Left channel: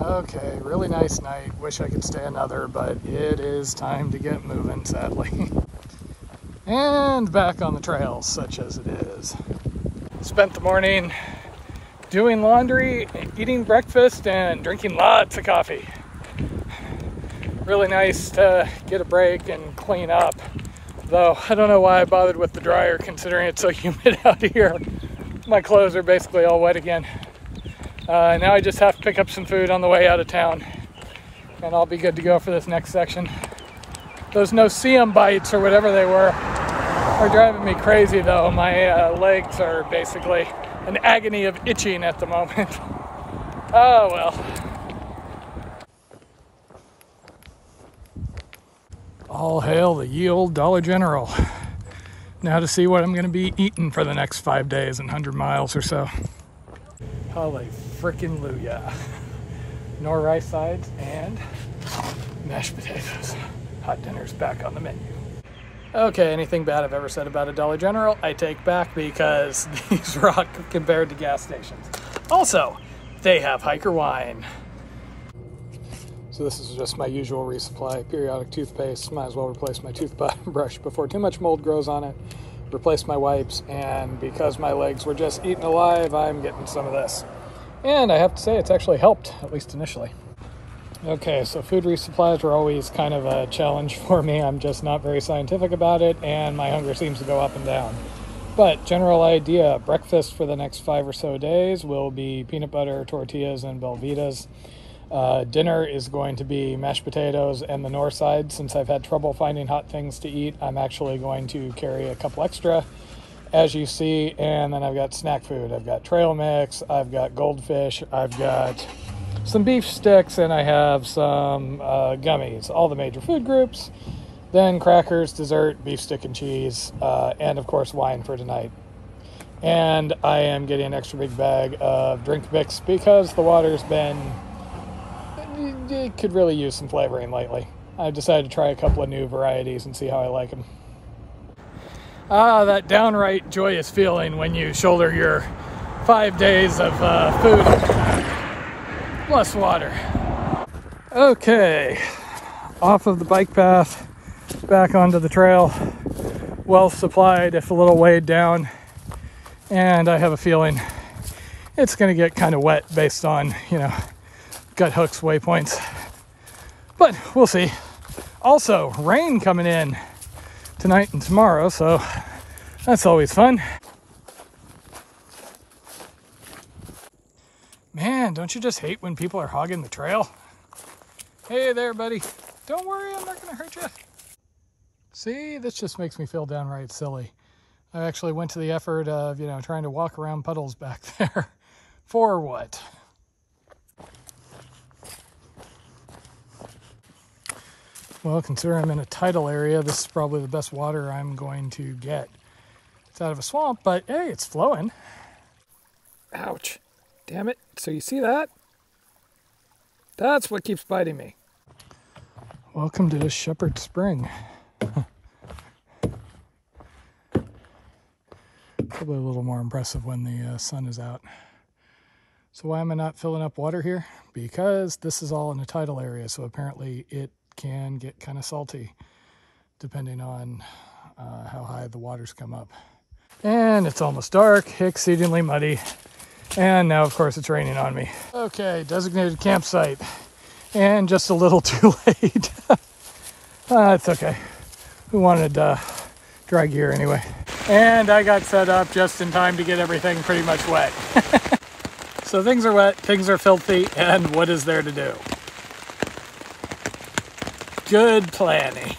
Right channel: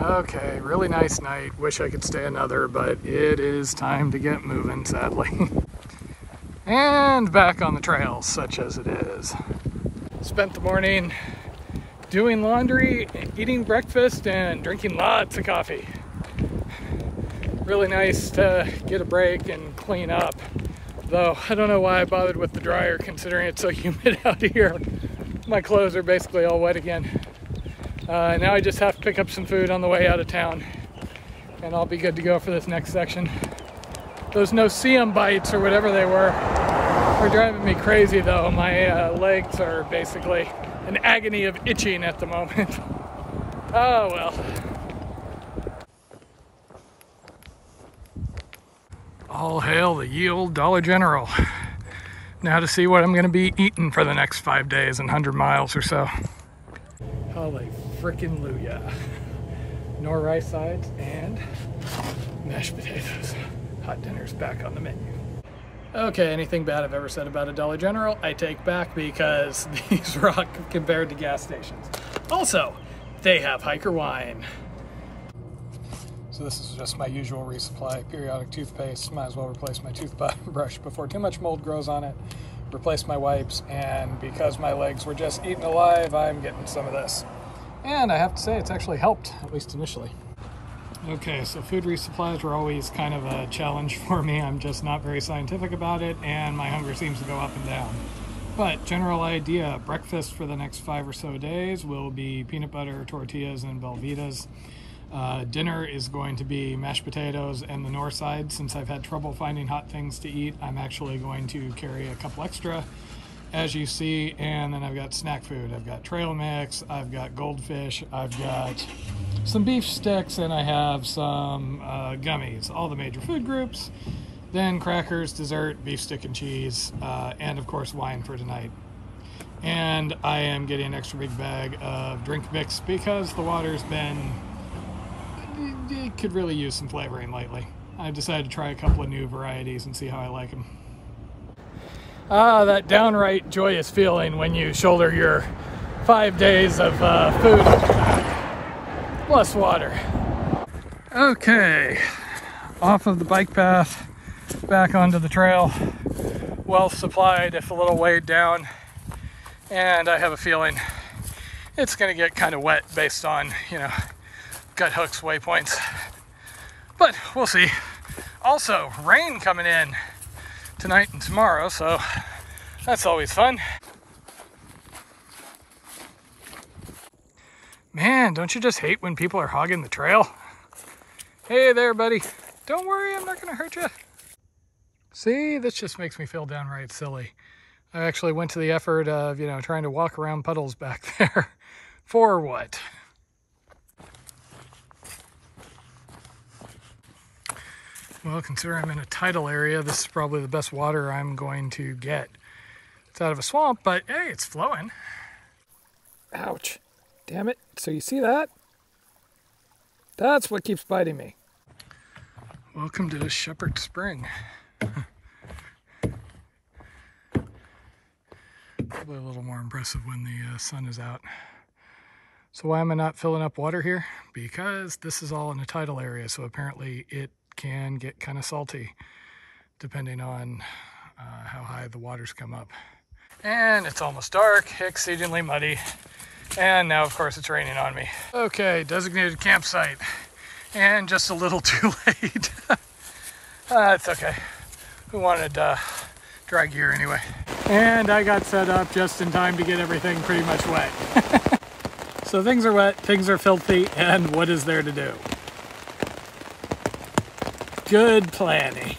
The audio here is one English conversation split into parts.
Okay, really nice night. Wish I could stay another, but it is time to get moving, sadly. And back on the trails, such as it is. Spent the morning doing laundry, eating breakfast, and drinking lots of coffee. Really nice to get a break and clean up. Though, I don't know why I bothered with the dryer considering it's so humid out here. My clothes are basically all wet again. Now I just have to pick up some food on the way out of town. And I'll be good to go for this next section. Those no-see-em bites, or whatever they were, are driving me crazy though. My legs are basically an agony of itching at the moment. Oh well. All hail the ye old Dollar General. Now to see what I'm going to be eating for the next 5 days and 100 miles or so. Holy frickin' Luya. Nor rice sides and mashed potatoes. Hot dinner's back on the menu. Okay, anything bad I've ever said about a Dollar General, I take back because these rock compared to gas stations. Also, they have hiker wine. So this is just my usual resupply. Periodic toothpaste. Might as well replace my toothbrush before too much mold grows on it. Replace my wipes, and because my legs were just eaten alive, I'm getting some of this. And I have to say it's actually helped, at least initially. Okay, so food resupplies are always kind of a challenge for me. I'm just not very scientific about it, and my hunger seems to go up and down. But general idea, breakfast for the next 5 or so days will be peanut butter, tortillas, and Belvitas. Dinner is going to be mashed potatoes and the north side. Since I've had trouble finding hot things to eat, I'm actually going to carry a couple extra, as you see. And then I've got snack food. I've got trail mix, I've got goldfish, I've got some beef sticks, and I have some gummies, all the major food groups. Then crackers, dessert, beef stick and cheese, and of course wine for tonight. And I am getting an extra big bag of drink mix because the water's been, it could really use some flavoring lately. I decided to try a couple of new varieties and see how I like them. Ah, that downright joyous feeling when you shoulder your 5 days of food plus water. Okay, off of the bike path, back onto the trail. Well supplied, if a little weighed down. And I have a feeling it's gonna get kind of wet based on, gut hooks waypoints, but we'll see. Also, rain coming in tonight and tomorrow, so that's always fun. Man, don't you just hate when people are hogging the trail? Hey there, buddy. Don't worry, I'm not gonna hurt you. See, this just makes me feel downright silly. I actually went to the effort of, trying to walk around puddles back there. For what? Well, considering I'm in a tidal area, this is probably the best water I'm going to get. It's out of a swamp, but hey, it's flowing. Ouch. Damn it. So you see that? That's what keeps biting me. Welcome to Shepherd Spring. Probably a little more impressive when the sun is out. So why am I not filling up water here? Because this is all in a tidal area, so apparently it can get kind of salty depending on how high the waters come up. And it's almost dark, exceedingly muddy, and now of course it's raining on me. Okay, designated campsite, and just a little too late. It's okay. We wanted dry gear anyway. And I got set up just in time to get everything pretty much wet. So things are wet, things are filthy, and what is there to do? Good planning.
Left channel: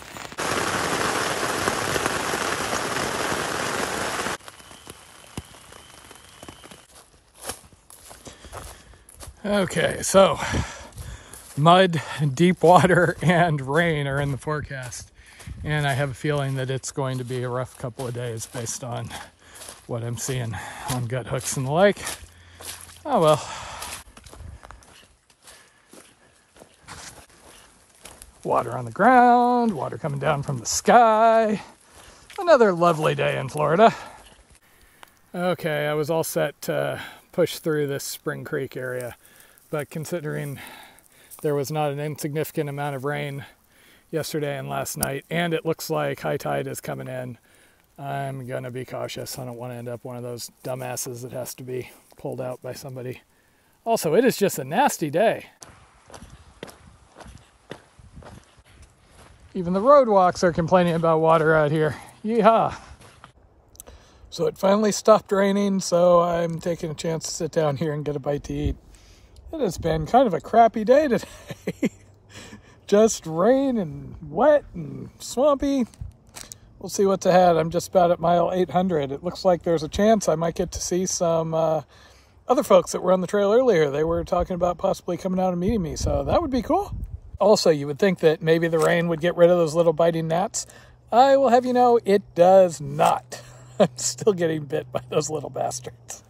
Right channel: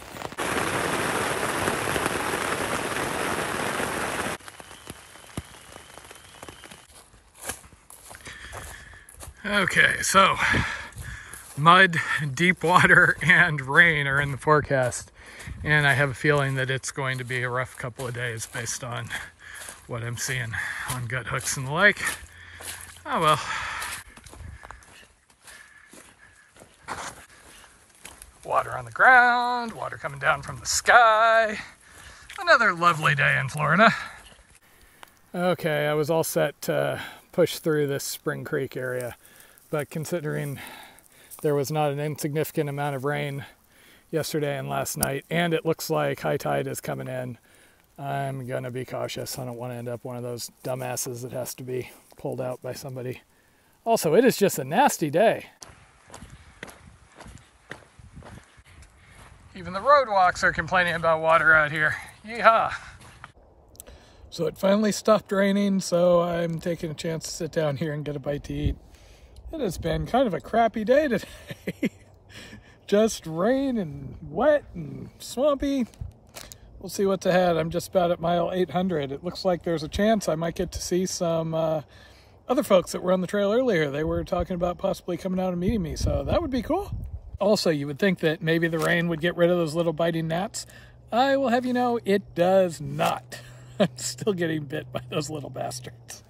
Okay, so mud, deep water, and rain are in the forecast. And I have a feeling that it's going to be a rough couple of days based on what I'm seeing on gut hooks and the like. Oh well. Water on the ground, water coming down from the sky. Another lovely day in Florida. Okay, I was all set to push through this Spring Creek area, but considering there was not an insignificant amount of rain yesterday and last night, and it looks like high tide is coming in. I'm gonna be cautious. I don't want to end up one of those dumbasses that has to be pulled out by somebody. Also, it is just a nasty day. Even the road walks are complaining about water out here. Yeehaw. So it finally stopped raining, so I'm taking a chance to sit down here and get a bite to eat. It has been kind of a crappy day today. Just rain and wet and swampy. We'll see what's ahead. I'm just about at mile 800. It looks like there's a chance I might get to see some other folks that were on the trail earlier. They were talking about possibly coming out and meeting me, so that would be cool. Also, you would think that maybe the rain would get rid of those little biting gnats. I will have you know, it does not. I'm still getting bit by those little bastards.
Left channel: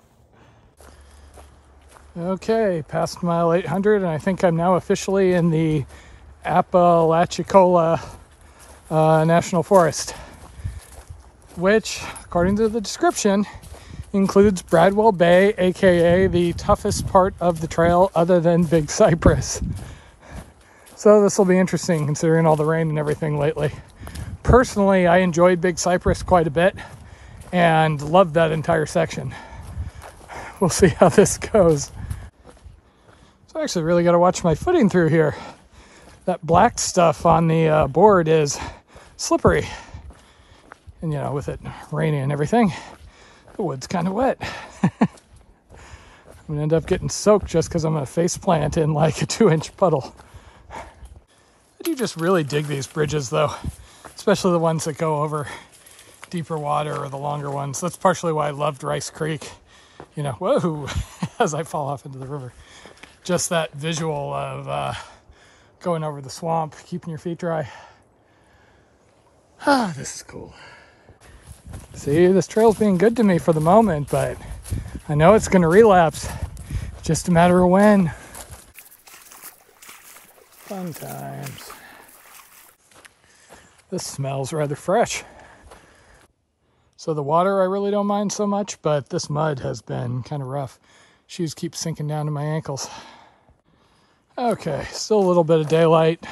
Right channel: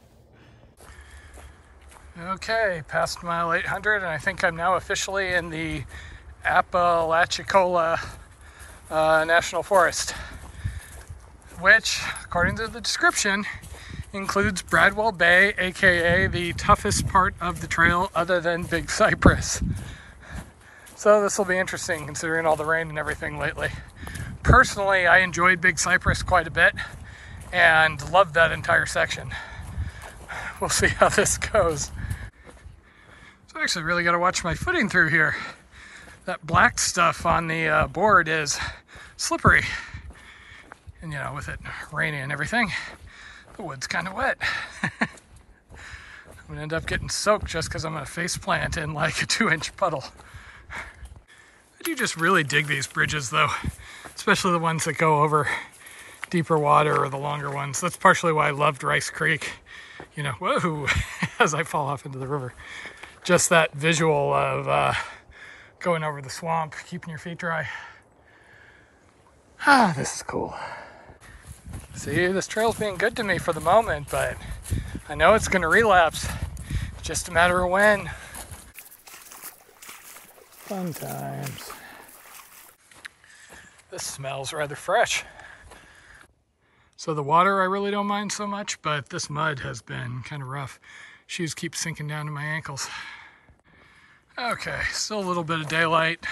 Okay, past mile 800, and I think I'm now officially in the Apalachicola National Forest, which, according to the description, includes Bradwell Bay, aka the toughest part of the trail other than Big Cypress. So this will be interesting considering all the rain and everything lately. Personally, I enjoyed Big Cypress quite a bit and loved that entire section. We'll see how this goes. So I actually really got to watch my footing through here. That black stuff on the board is slippery. And you know, with it raining and everything, the wood's kind of wet. I'm gonna end up getting soaked just because I'm gonna face plant in like a 2-inch puddle. I do just really dig these bridges though, especially the ones that go over deeper water or the longer ones. That's partially why I loved Rice Creek. You know, whoa, as I fall off into the river. Just that visual of going over the swamp, keeping your feet dry. Ah, this is cool. See, this trail's being good to me for the moment, but I know it's gonna relapse. It's just a matter of when. Fun times. This smells rather fresh. So the water I really don't mind so much, but this mud has been kind of rough. Shoes keep sinking down to my ankles. Okay, still a little bit of daylight,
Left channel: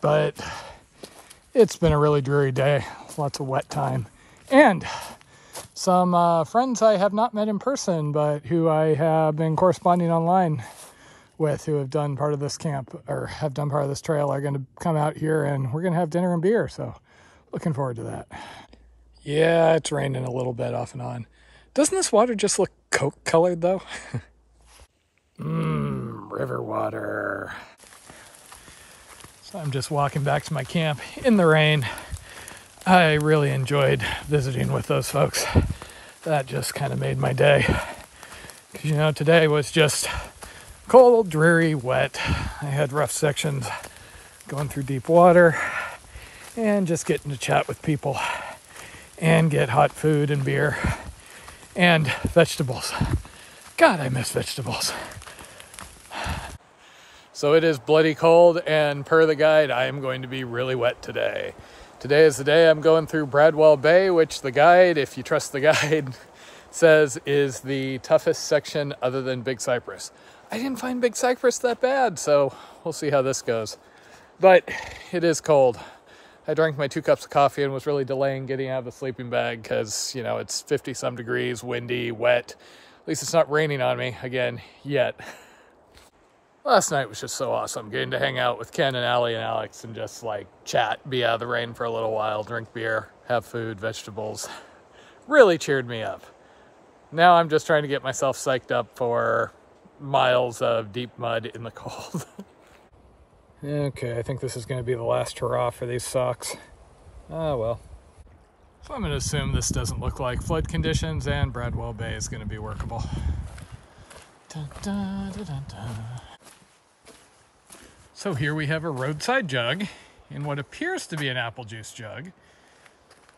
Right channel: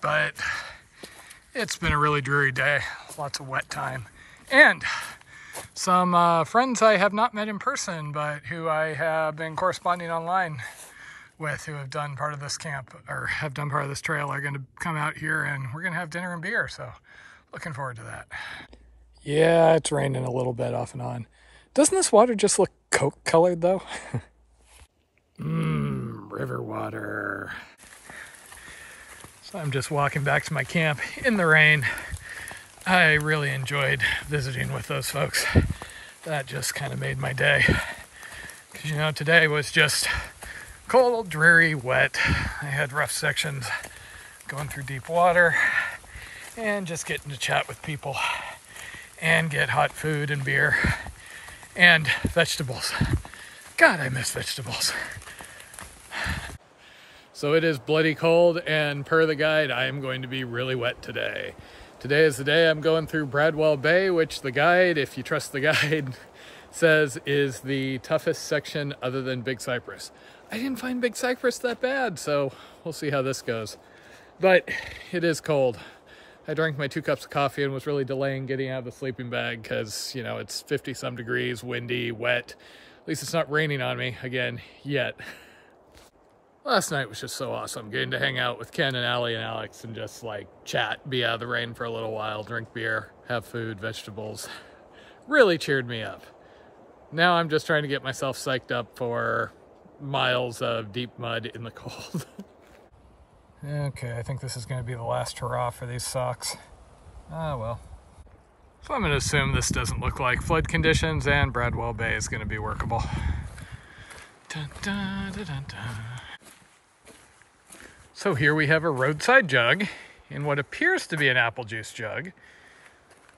but it's been a really dreary day. Lots of wet time. And some friends I have not met in person, but who I have been corresponding online with, who have done part of this camp, or have done part of this trail, are going to come out here and we're going to have dinner and beer. So looking forward to that. Yeah, it's raining a little bit off and on. Doesn't this water just look Coke colored though? River water. So I'm just walking back to my camp in the rain. I really enjoyed visiting with those folks. That just kind of made my day. Because, you know, today was just cold, dreary, wet. I had rough sections going through deep water and just getting to chat with people and get hot food and beer and vegetables. God, I miss vegetables. So it is bloody cold, and per the guide, I am going to be really wet today. Today is the day I'm going through Bradwell Bay, which the guide, if you trust the guide, says is the toughest section other than Big Cypress. I didn't find Big Cypress that bad, so we'll see how this goes. But it is cold. I drank my 2 cups of coffee and was really delaying getting out of the sleeping bag because, you know, it's 50-some degrees, windy, wet. At least it's not raining on me again yet. Last night was just so awesome, getting to hang out with Ken and Allie and Alex and just like chat, be out of the rain for a little while, drink beer, have food, vegetables. Really cheered me up. Now I'm just trying to get myself psyched up for miles of deep mud in the cold. Okay, I think this is going to be the last hurrah for these socks. Ah, well. So I'm going to assume this doesn't look like flood conditions and Bradwell Bay is going to be workable. Dun, dun, dun, dun, dun. So here we have a roadside jug in what appears to be an apple juice jug.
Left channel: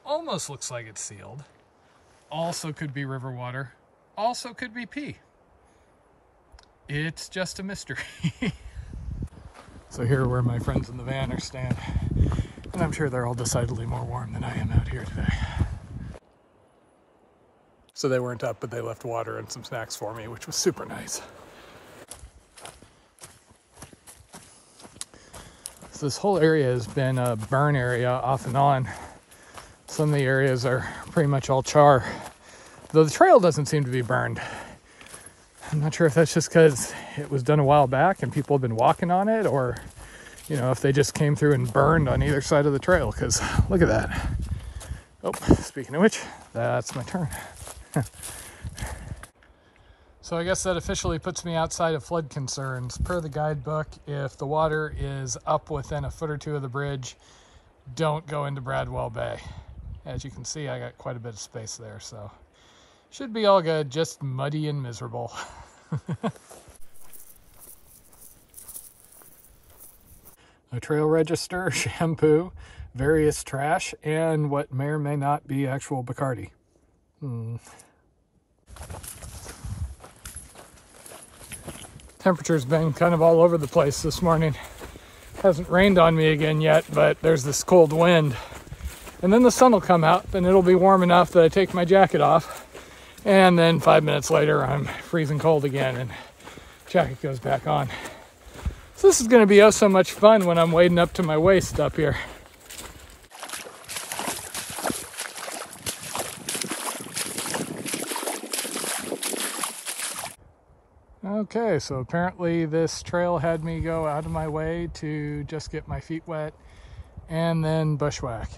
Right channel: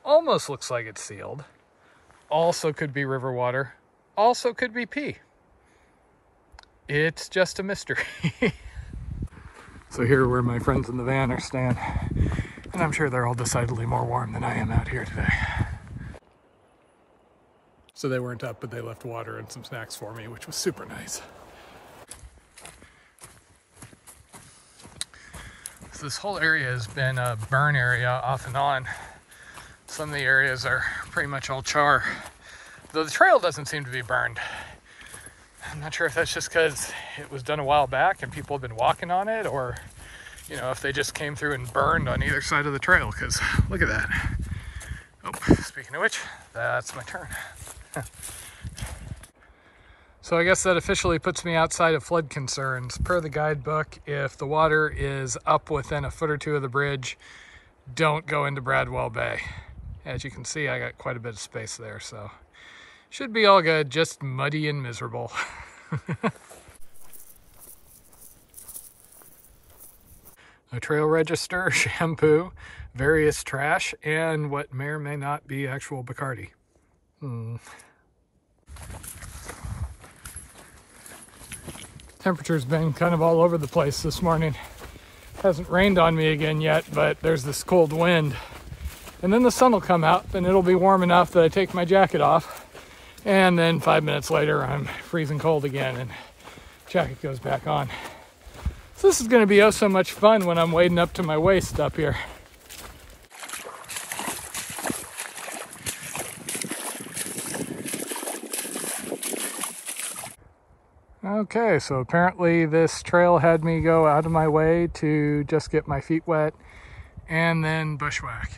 Almost looks like it's sealed. Also could be river water. Also could be pee. It's just a mystery. So here where my friends in the van are staying. And I'm sure they're all decidedly more warm than I am out here today. So they weren't up, but they left water and some snacks for me, which was super nice. So this whole area has been a burn area off and on. Some of the areas are pretty much all char, though the trail doesn't seem to be burned. I'm not sure if that's just because it was done a while back and people have been walking on it, or, you know, if they just came through and burned on either side of the trail, because look at that. Oh, speaking of which, that's my turn. So I guess that officially puts me outside of flood concerns. Per the guidebook, if the water is up within a foot or two of the bridge, don't go into Bradwell Bay. As you can see, I got quite a bit of space there, so should be all good, just muddy and miserable. A trail register, shampoo, various trash, and what may or may not be actual Bacardi. Temperature's been kind of all over the place this morning. Hasn't rained on me again yet, but there's this cold wind. And then the sun will come out and it'll be warm enough that I take my jacket off. And then 5 minutes later, I'm freezing cold again and jacket goes back on. So this is gonna be oh so much fun when I'm wading up to my waist up here. Okay, so apparently this trail had me go out of my way to just get my feet wet and then bushwhack.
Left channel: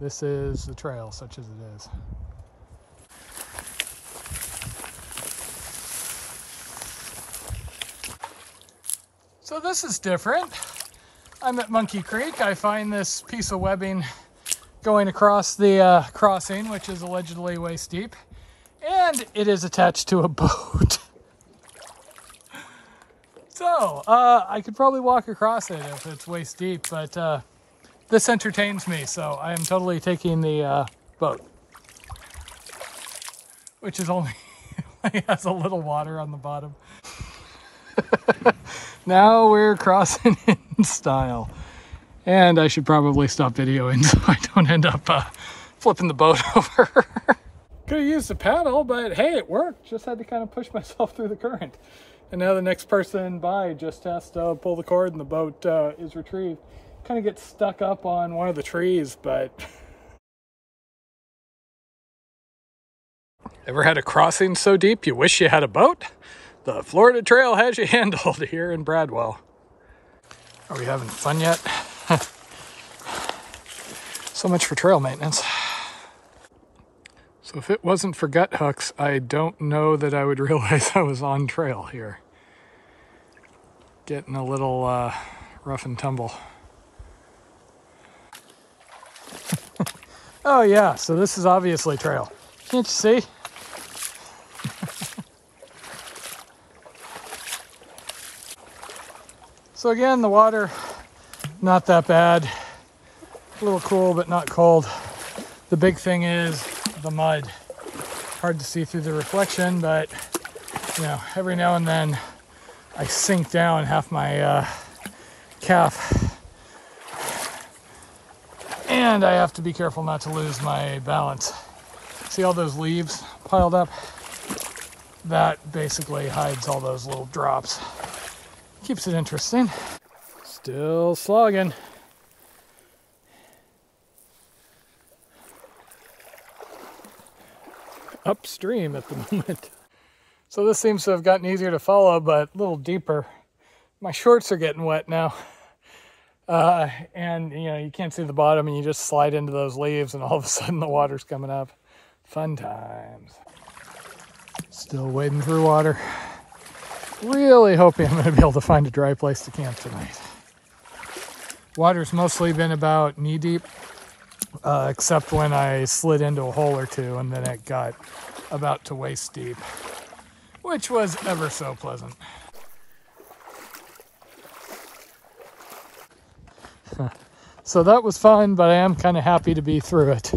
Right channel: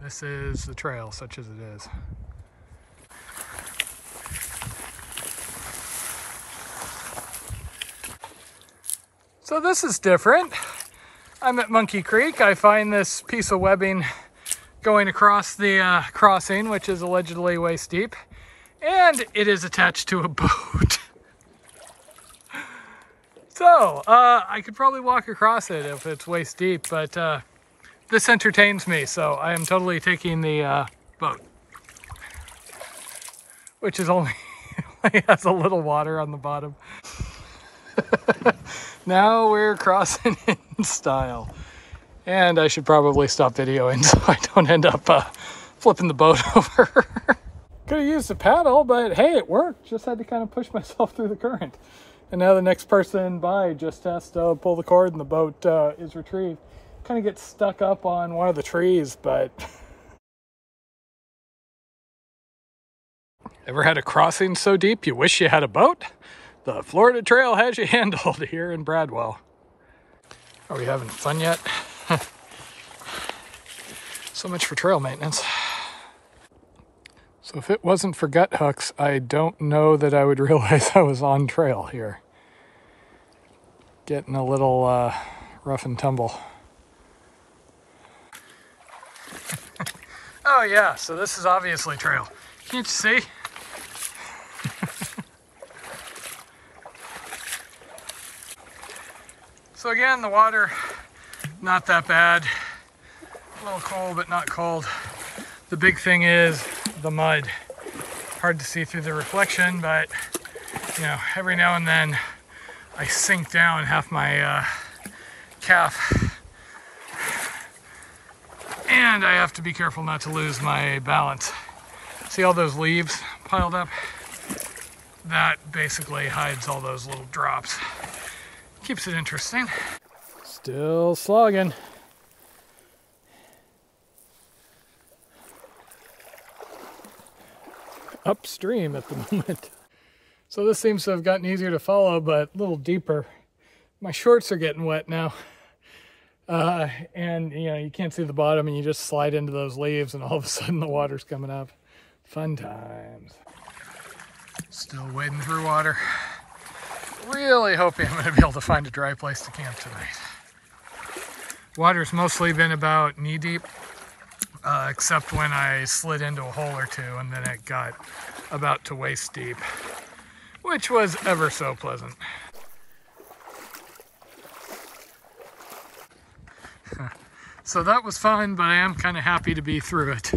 This is the trail, such as it is. So this is different. I'm at Monkey Creek. I find this piece of webbing going across the crossing, which is allegedly waist deep, and it is attached to a boat. So, I could probably walk across it if it's waist deep, but this entertains me, so I am totally taking the boat. Which is only has a little water on the bottom. Now we're crossing in style. And I should probably stop videoing so I don't end up flipping the boat over. Could have used a paddle, but hey, it worked. Just had to kind of push myself through the current. And now the next person by just has to pull the cord and the boat is retrieved. Kind of gets stuck up on one of the trees, but... Ever had a crossing so deep you wish you had a boat? The Florida Trail has you handled here in Bradwell. Are we having fun yet? So much for trail maintenance. So if it wasn't for gut hooks, I don't know that I would realize I was on trail here. Getting a little rough and tumble. Oh yeah, so this is obviously trail. Can't you see? So again, the water, not that bad. A little cool, but not cold. The big thing is the mud. Hard to see through the reflection, but you know, every now and then I sink down half my calf. And I have to be careful not to lose my balance. See all those leaves piled up? That basically hides all those little drops. Keeps it interesting. Still slogging. Upstream at the moment. So this seems to have gotten easier to follow, but a little deeper. My shorts are getting wet now. And you know, you can't see the bottom and you just slide into those leaves and all of a sudden the water's coming up. Fun times. Still wading through water. Really hoping I'm going to be able to find a dry place to camp tonight. Water's mostly been about knee deep, except when I slid into a hole or two and then it got about to waist deep, which was ever so pleasant. So that was fun, but I am kind of happy to be through it.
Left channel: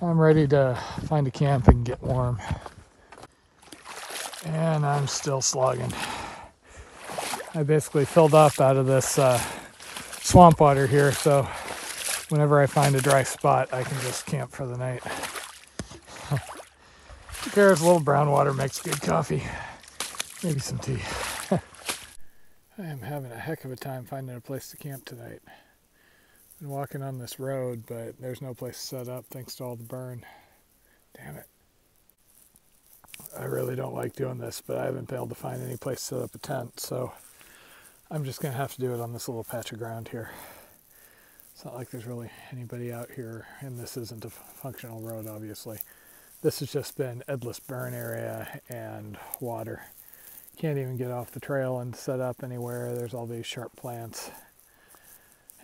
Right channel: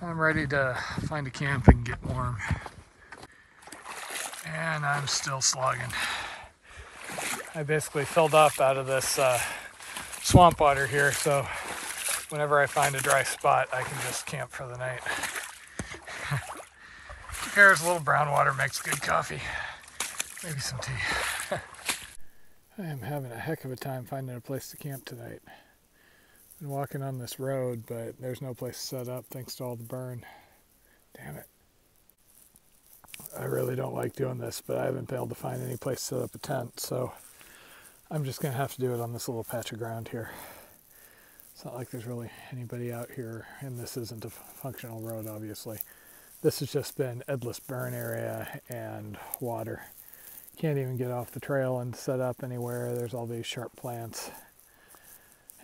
I'm ready to find a camp and get warm. And I'm still slogging. I basically filled up out of this swamp water here, so whenever I find a dry spot, I can just camp for the night. Who cares? A little brown water makes good coffee. Maybe some tea. I am having a heck of a time finding a place to camp tonight. Been walking on this road, but there's no place to set up thanks to all the burn. Damn it. I really don't like doing this, but I haven't been able to find any place to set up a tent, so I'm just going to have to do it on this little patch of ground here. It's not like there's really anybody out here, and this isn't a functional road, obviously. This has just been endless burn area and water. Can't even get off the trail and set up anywhere. There's all these sharp plants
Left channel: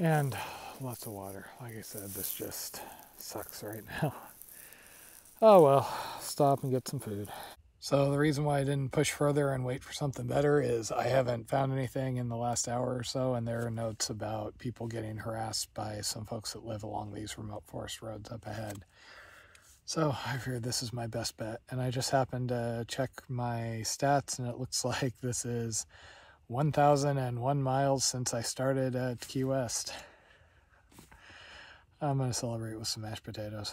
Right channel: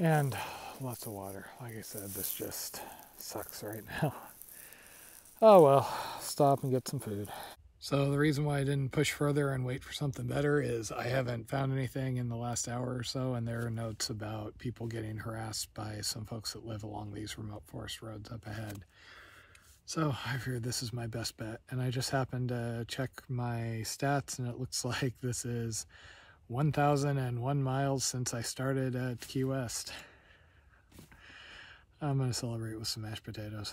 and lots of water. Like I said, this just sucks right now. Oh well, stop and get some food. So the reason why I didn't push further and wait for something better is I haven't found anything in the last hour or so, and there are notes about people getting harassed by some folks that live along these remote forest roads up ahead. So I figured this is my best bet, and I just happened to check my stats, and it looks like this is 1,001 miles since I started at Key West. I'm going to celebrate with some mashed potatoes.